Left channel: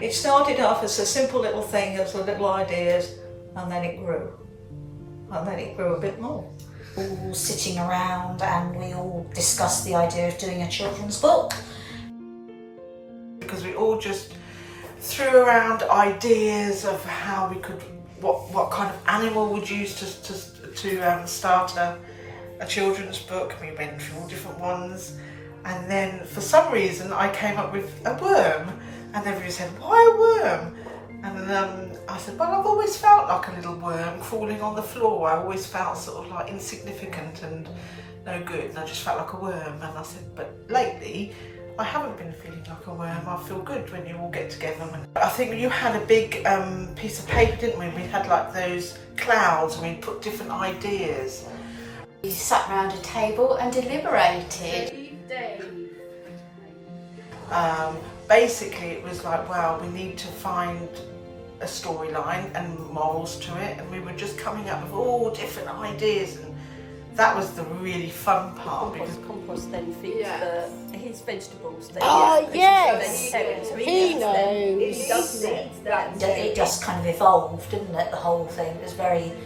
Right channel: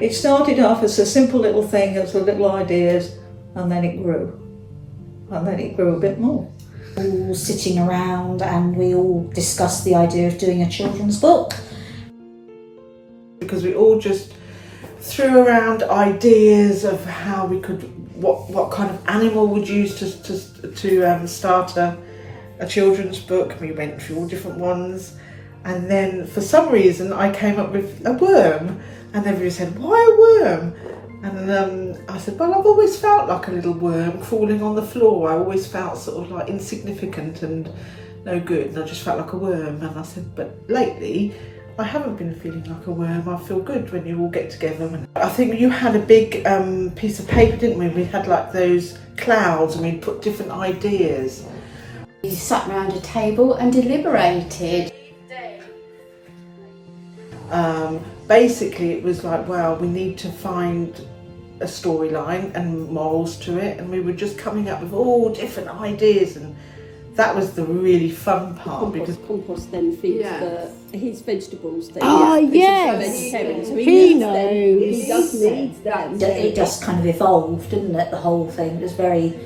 It started off as a simple little thing, as the little ideas, and then it grew. And then it grew a bit more. All sitting around and we all discussed the idea of doing a children's book. Because we all just threw around ideas of how we could, what kind of animal would use to start a children's book. We went through all different ones, and then for some reason I came up with a worm, and everybody said, "Why a worm?" And I said, "Well, I've always felt like a little worm crawling on the floor. I always felt sort of like insignificant and no good, and I just felt like a worm." And I said, "But lately I haven't been feeling like a worm. I feel good when you all get together." And I think you had a big piece of paper, didn't we? We had like those clouds, and we'd put different ideas. We sat round a table and deliberated. Basically it was like, wow, we need to find a storyline and morals to it, and we were just coming up with all different ideas, and that was the really fun part. Because compost then feeds his vegetables. Yes. Vegetarian, so he needs them. He does need them. It just kind of evolved, didn't it, the whole thing? It was very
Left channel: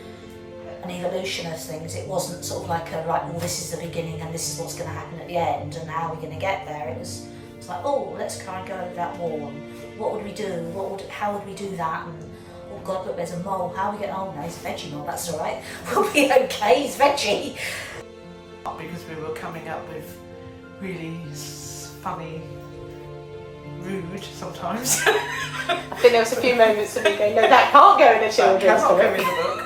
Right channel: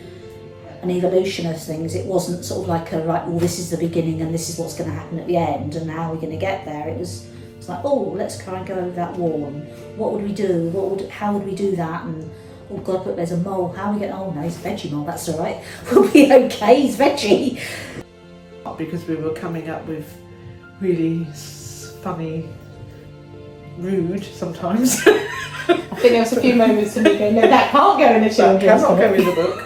an evolution of things. It wasn't sort of like a, right, well, this is the beginning and this is what's going to happen at the end and how we're going to get there. It's like, oh, let's try and go over that wall, and what would we do? How would we do that? And oh God, look, there's a mole. How are we getting? Oh no, he's a veggie mole. That's all right. We'll be okay. He's veggie. Because we were coming up with really funny, rude sometimes. I think there was a few moments of me going, that can't go in the children's That cannot go in the book.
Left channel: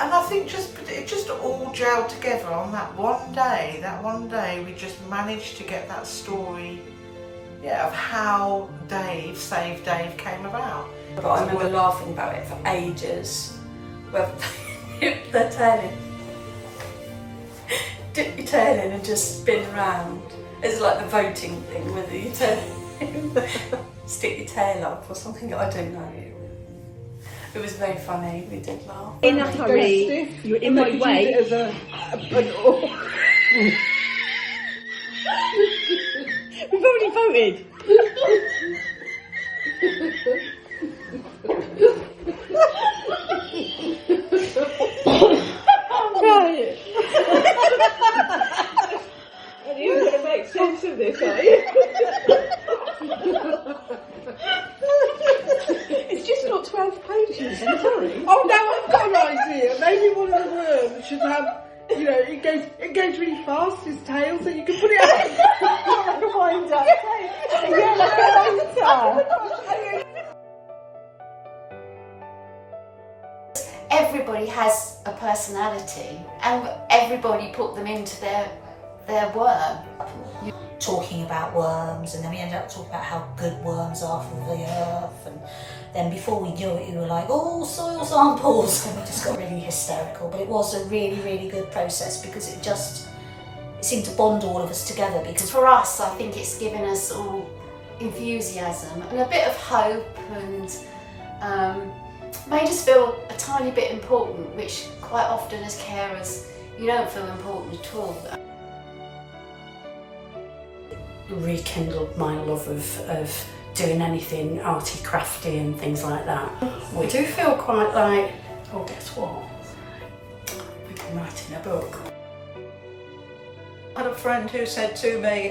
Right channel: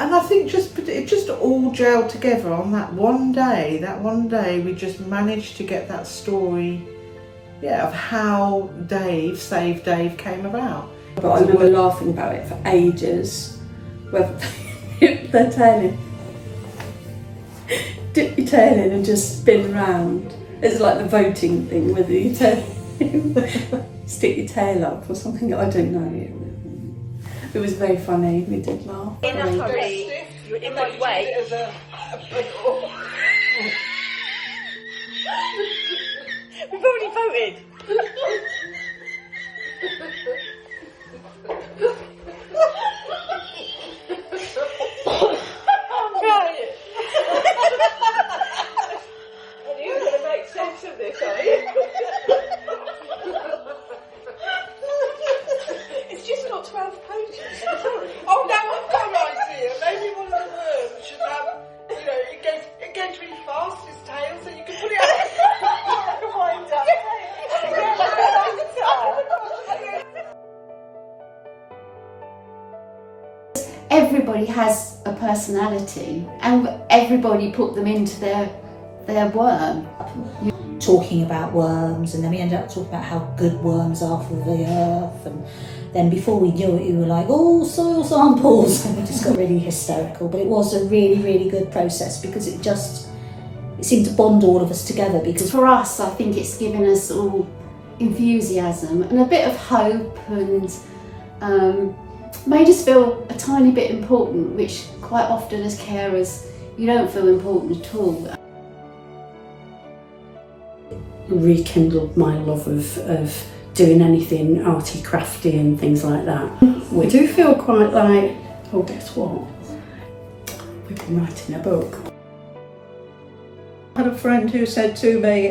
And I think it just all gelled together on that one day. That one day we just managed to get that story, of how Dave, Save Dave, came about. But I remember laughing about it for ages. Well, they're telling. Dip your tail in and just spin round. It's like the voting thing with the tail. Stick your tail up or something. I don't know. It was very funny. We did laugh. In a hurry, in my way. We've already voted. Right. You're going to make sense of this, are you? It's just got 12 pages. I'm sorry. Oh no, I've got an idea. Maybe one of the worms should have, it goes really fast, his tail, so you can put it out. Like a wind up. Yeah, like a motor. Everybody has a personality, and everybody put them into their worm. Talking about worms, and then we ended up talking about how good worms are for the earth, and then before we knew it, we were like, oh, soil samples, and we just got really hysterical. But it was a really, really good process, because it seemed to bond all of us together. Because For us, I think it's given us all enthusiasm and a bit of hope, and made us feel a tiny bit important, which quite often as carers you don't feel important at all. Rekindled my love of doing anything arty, crafty and things like that. We do feel quite like, oh, guess what? We've been writing a book. I had a friend who said to me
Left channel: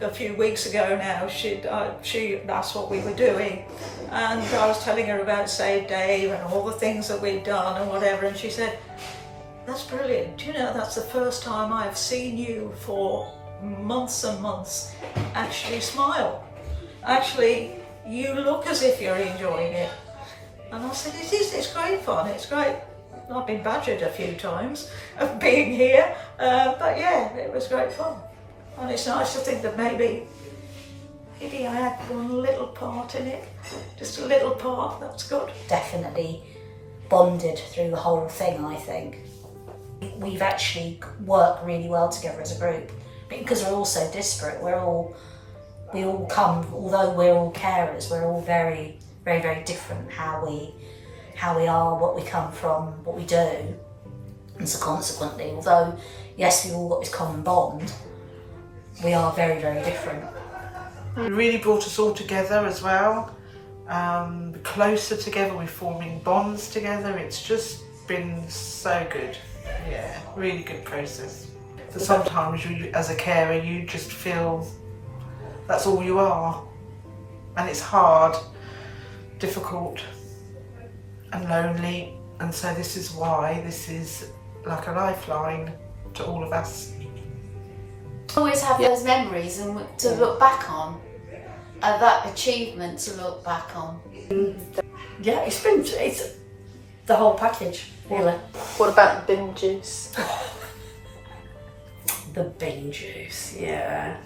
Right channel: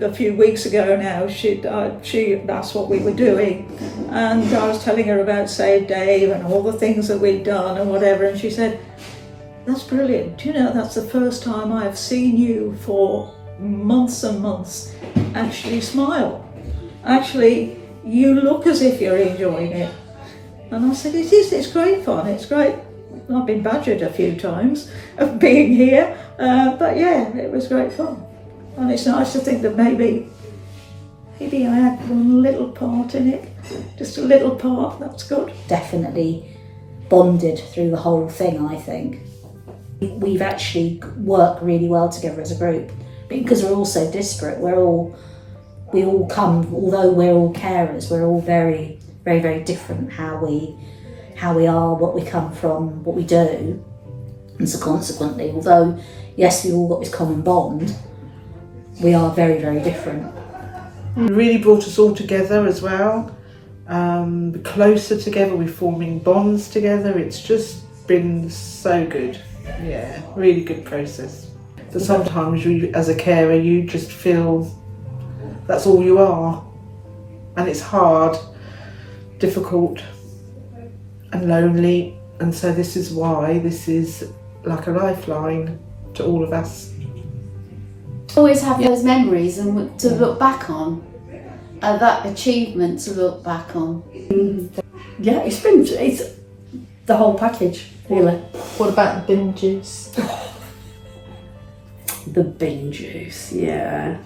a few weeks ago now, she asked what we were doing, and I was telling her about Save Dave and all the things that we'd done and whatever, and she said, "That's brilliant. Do you know, that's the first time I have seen you for months and months actually smile. Actually, you look as if you're enjoying it." And I said, "It is, it's great fun, it's great." I've been badgered a few times of being here, but yeah, it was great fun. And it's nice to think that maybe I had one little part in it, just a little part, that's good. definitely bonded through the whole thing, I think. We've actually worked really well together as a group, because we're all so disparate. We all come, although we're all carers, we're all very, very, very different how we are, what we come from, what we do. And so consequently, although yes, we all got this common bond, we are very, very different. It really brought us all together as well, closer together, we're forming bonds together. It's just been so good. Yeah, really good process. But sometimes you, as a carer, you just feel that's all you are, and it's hard, difficult and lonely, and so this is why this is like a lifeline to all of us. Always have those memories and to look back on, that achievement to look back on. Yeah, it's the whole package, really. What about the binges? The bean juice, yeah.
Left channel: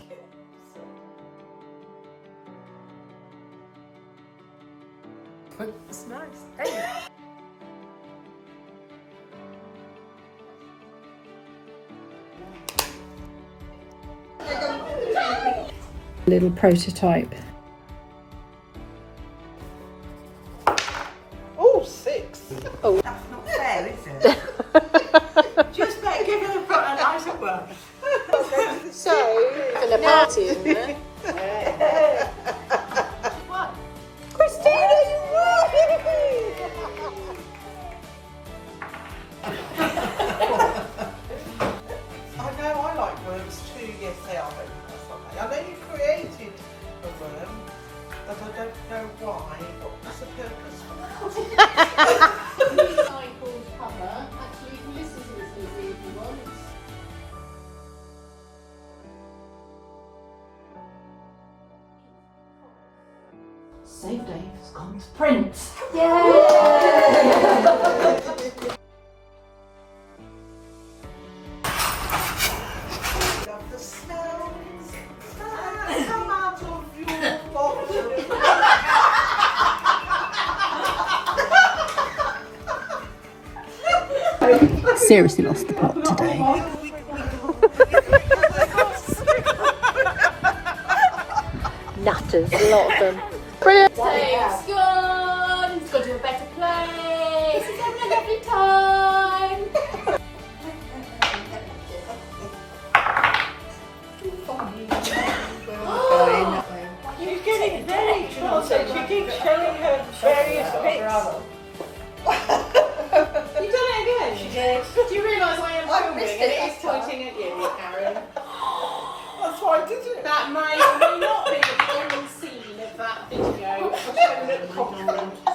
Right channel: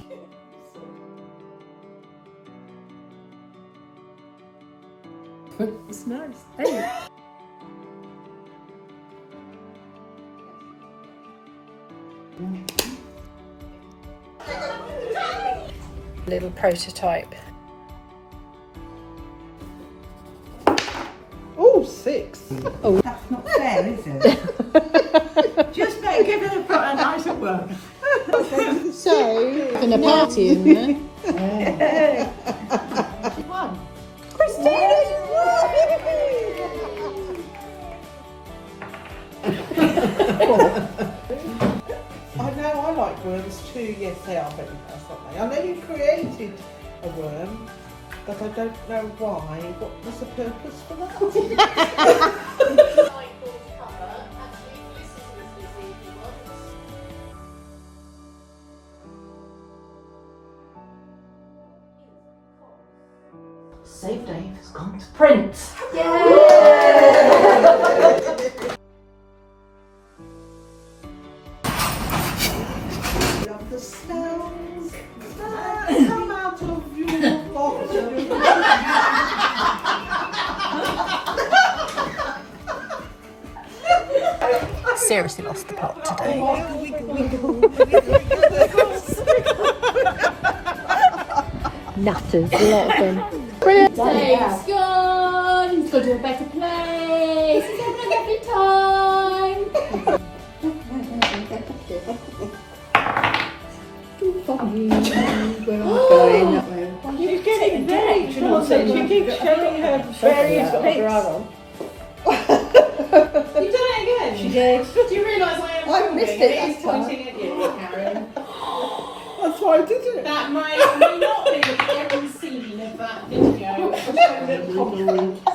It's nice. Hey. Little prototype. Oh, 6. That's not fair, is it? Just better give it a nicer one. So, and a party in there. One. I know I like worms too. Yes, they are very nice, aren't they? I know you created a worm, but I don't know why. What was the purpose for that? Save Dave has gone to print. Love the snow. Come out of your box. Seriously lost the plot today. Natters, a lot of them. Dave's gone, he's gone to a better place, he's having a lovely time. Going that way. You get it engaged, and also you keep showing her. You've got her bra on. You done it again? She did. Do you realise I missed it that time. That's why I did it. That may not be the scene of that video. Oh my God.